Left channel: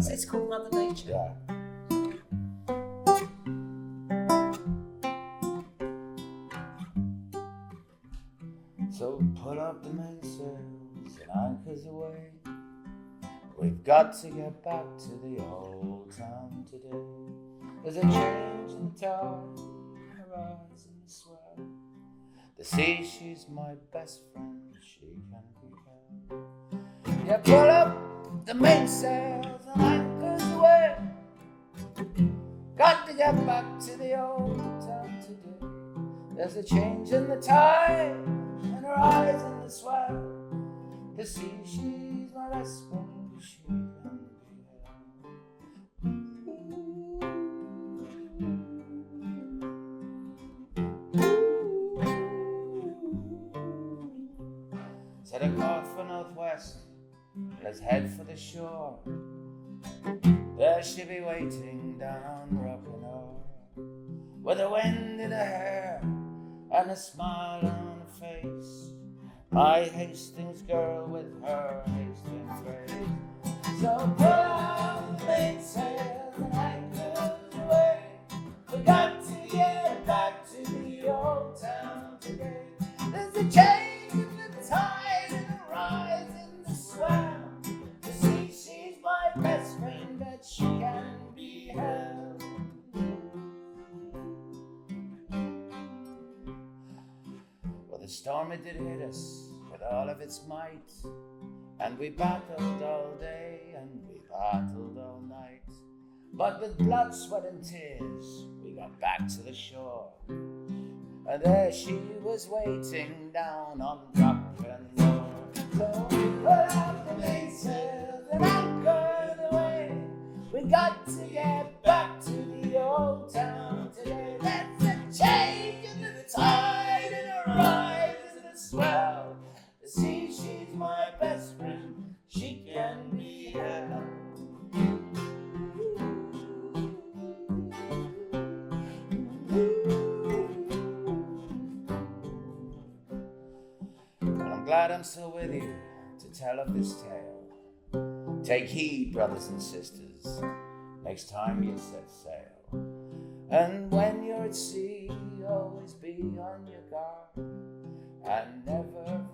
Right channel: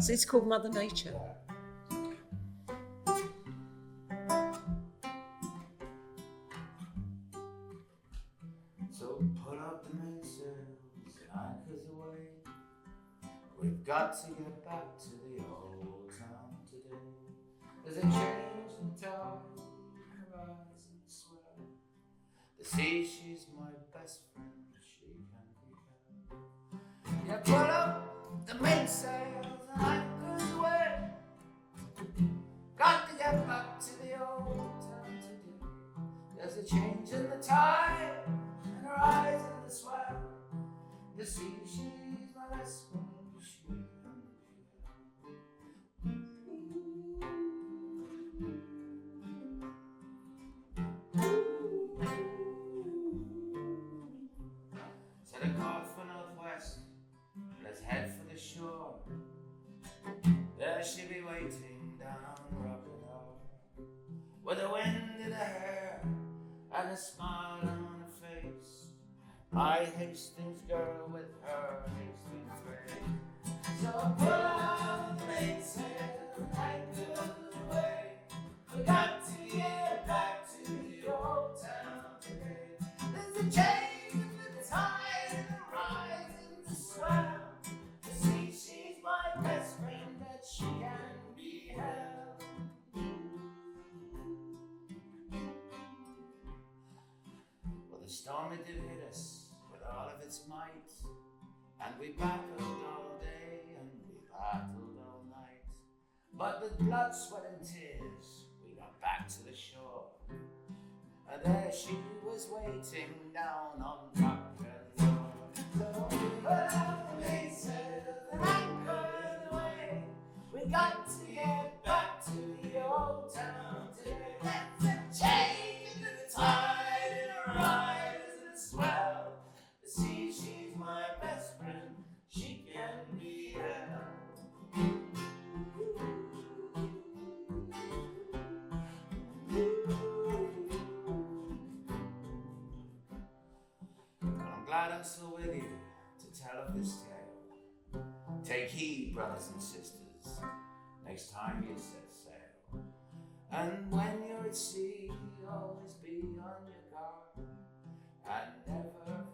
So it's called Mother Nature. Yeah. So put up the mainsails and anchors away. We've got to get back to the old town today. There's a change in the tide, a rise in the swell. The sea, she's my best friend, she can be held. Yeah, put up the mainsails and anchors away. Got to get back to the old town today. There's a change in the tide and a rise in the swell. The sea, she's my best friend, she can be held. Set a course for northwest, let's head for the shore. There she'll be waiting down on Rock'n'Roll, with a wind in her hair and a smile on her face. My Hastings girl with her Hastings grace. So put out the mainsail and anchor away. We got to get back to the old town today. There's a change in the tide and a rise in the swell. The sea, she's my best friend, that she can be held. Well, the storm, it did hit us with all of its might, and we battled all day and we battled all night. But with blood, sweat and tears, we got back to the shore. And there she was waiting down on Rock'n'Roll. So we put out the mainsails and anchored away. We got to get back to the old town today. That's a change in the tide and a rise in the swell. The sea, she's my best friend, she can be held. Well, I'm glad I'm still with you to tell of this tale. Take heed, brothers and sisters, next time you set sail. And when you're at sea, always be on your guard and never